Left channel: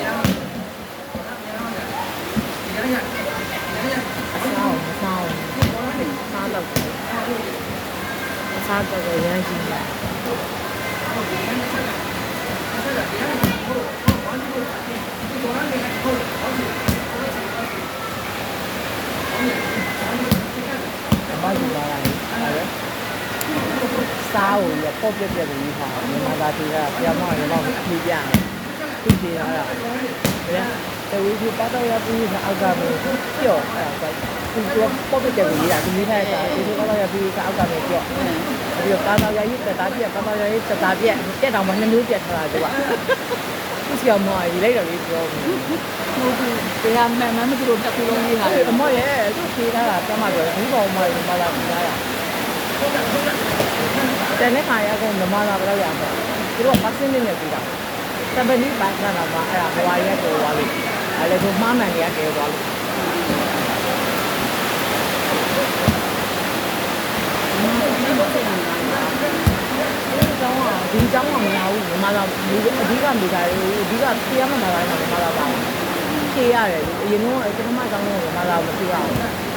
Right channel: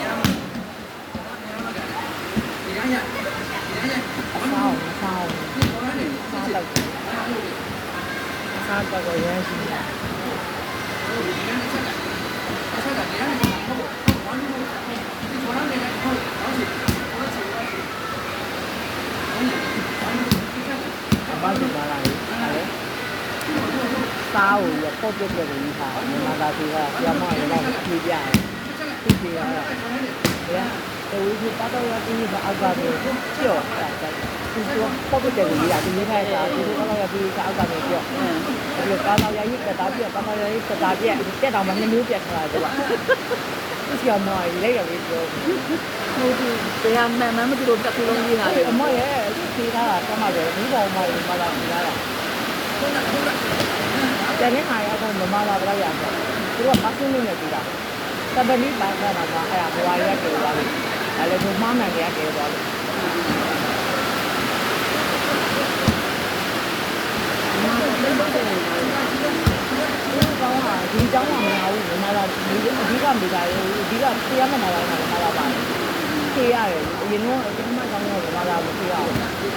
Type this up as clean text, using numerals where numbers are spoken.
တော့ စားတော့ရမ်းရှိတယ်ဘာလို့ပါလဲစားကိုရပေါ့ပြက်ပြက်လေးထားမြန်မာသားတွေကပြောင်းမရတော့ဖြေးပြတယ်ဖြေးပြရတာတဝီးကြီးတော့ရပြီးအောက်ကတော့ကျော့အဲ့ဒါသူကပေါ့ပြက်ပြက်လေးလာဒီနေ့ထားတာဒီကတော့ရပြီးအောက်ကတော့ကျော့ဒီကားတော့ရည်တက်တာပြက်ကားတော့ရည်တက်တာပြက်တက်တော့မှနှမျိုးပြက်ထားတာကွာဆီအောင်မကြီးလိုက်တယ်ပြောဟိုဒီတရားမှန်မှန်မသူတို့တက်ခုလုံးကြီးဟာအမို့ရဲ့သူခေးတာကတမတော့ဒီပေါ်မှာမလာဘူးလားတဲ့နေ့ခါရတော့မလာတော့ရအောင်သူတို့ကမဆင်းနေနေပြီလားတပည့်လေးပါစားတာကအဲ့ဒါဘဝရက်ပြောသွားလို့အဲ့လေသူမှားမှန်နေရပြောသွားလို့မာတော့မလုပ်တဲ့နေရာဒီเจ้าကမလာဘူးမလာဘူးအဓိကမိသားစုအဓိကတရားမလာတာမလာပါဘူးခေးရတယ်အရင်ကကျွန်မကမလာဘူးခေးရအောင်